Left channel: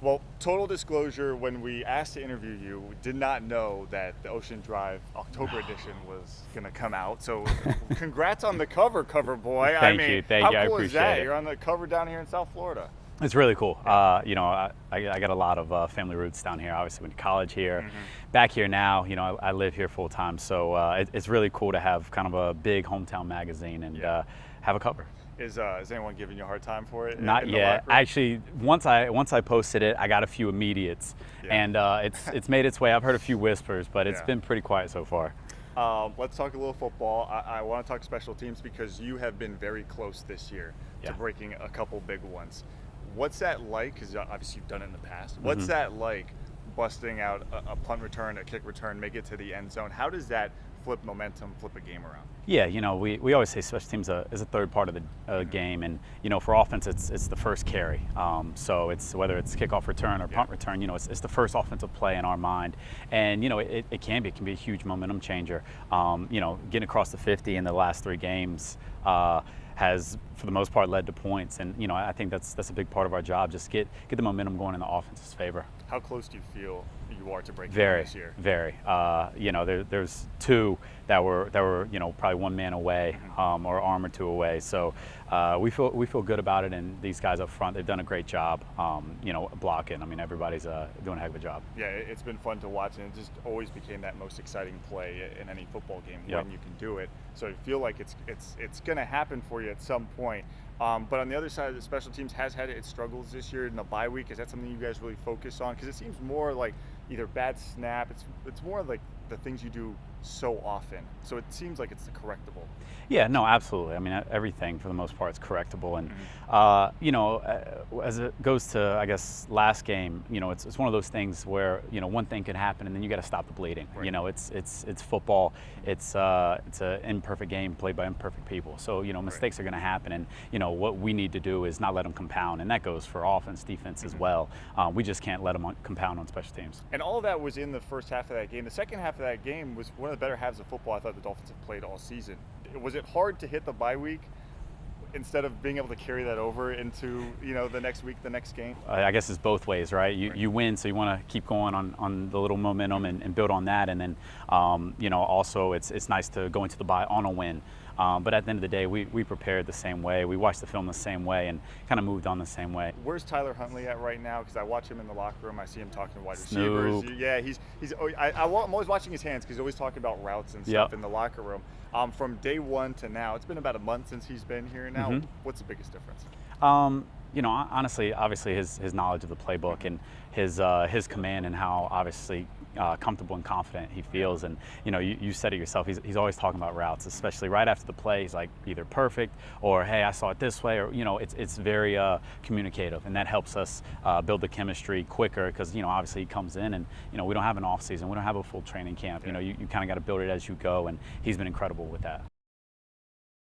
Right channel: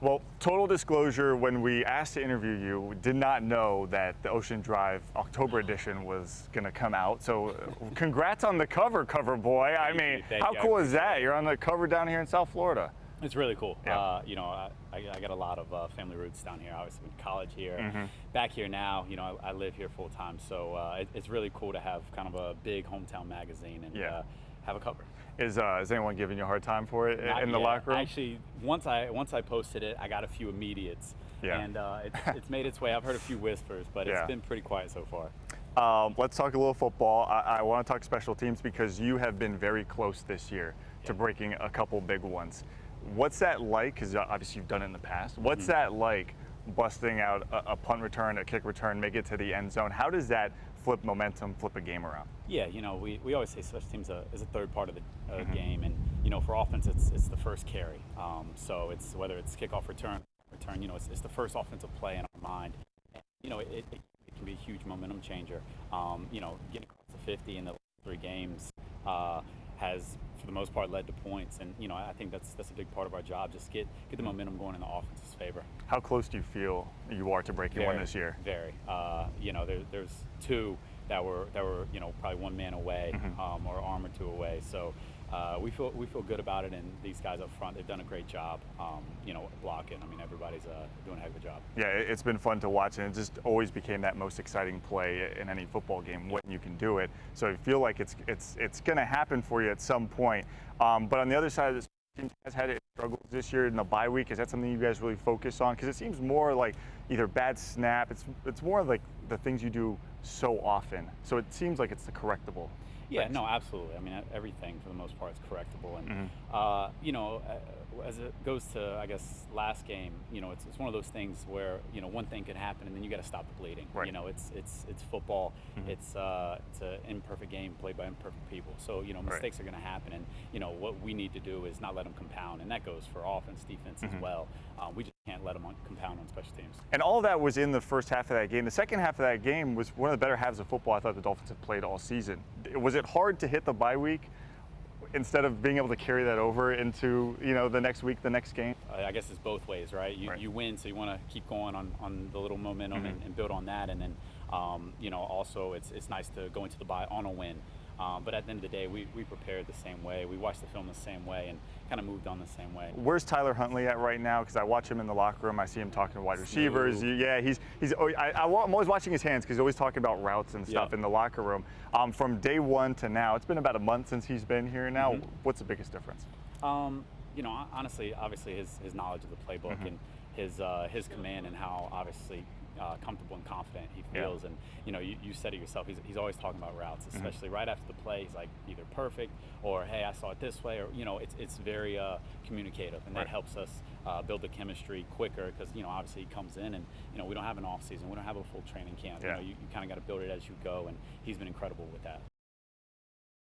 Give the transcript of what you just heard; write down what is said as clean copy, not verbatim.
Well, total disclosure, when we asked to interview you, we did not know that the Ocean Drive October edition was going to come out. So congrats on the cover boy. Thank you. How cool is that? It. You're on the cover down here in South Florida. It's really cool. Yeah. I got a lot of family roots down here. Obviously went to college here. Back here now, I live here full time. So it's really cool to have kind of a big hometown magazine and have a cover. Is anyone giving you a hard time for it? Not yet. Actually, once I posted it, I got a few immediates, and it's made its way. I've heard a few whispers, but it's been pretty quiet so far. Let's talk a little football. I want to talk special teams because you have been very close this year to breaking a couple big ones. What's that like? Because obviously you've done it in the past. What's that like, busting out a punt return, a kick return, make it to the end zone? How does that flip momentum, flip a game around? Yeah, we always say special teams is a third part of the game, and for offense it's the first carry. So it's whether it's kickoff return or punt return, it's the first offensive play in our mind, and it can be a huge momentum changer. Getting across the 50 in the last 3 games has, for the most part, led to points, and I think that's a big part of our job. Just get the momentum going in the offense's favor. How close do you feel you are to breaking one this year? Very. There's 2 that were probably 1 man away, or arm or 2 away. So we feel good about it, and these guys up front, they've done a great job. Blocking. I mean, everybody's doing a heck of a job. Yeah, it's been fun to watch, and it just always became that most exciting play in any football game when you can do it. So I feel like it's going to happen for you at some point. But on the other side, the special teams has had its struggles this year in the bye week. Is that something you guys really focus on? Because it seems more like either bad snap. It's more like the things you do so often. So it seems like it's the correctable. Yeah, no, absolutely. I mean, everything for the most part is correctable, and as it goes to, I guess, last game, it's one of those things where one thing can happen, and then you got to stop the bleeding. Right. It's football. It's an imperfect game played by imperfect people. So mistakes are going to happen, and what we need to do is not let them compound, and that goes for offense, defense as well. We just can't let them compound on special teams. And all of that was in the first half of that game. The second half of that game was one of the better halves of football I thought the Dolphins have played all season. Was it hard to hit the bye week instead of being able to carry that over into the next week, the next game? I guess it's both ways, right? You win, so you want to keep going on the little momentum and build on that, and then also it's nice to go into the bye on a win. But at the end of the day, we prepared the same way. We watched the film the same way and kind of moved on the same way. Where's Tyler Huntley at right now? Because I watch him in the locker room. I see him talking to wide receivers. Yeah, I'm always watching his hands because he's always talking about routes and stuff in the locker room. From day 1 to now, it's been about a month since he's been here now. What's the biggest difference? Honestly, obviously his knowledge of the playbook and his command, and how obviously comfortable and confident he feels. And you said it yourself, he's always talking about routes, especially right after the play. He's like either perfect or, hey, I saw it this way, or it's very communicative, and that helps us build the chemistry quicker, because obviously he comes in, and we don't have an off season, we don't have a full training camp. You kind of got to build it as you go, and he's been incredible with that.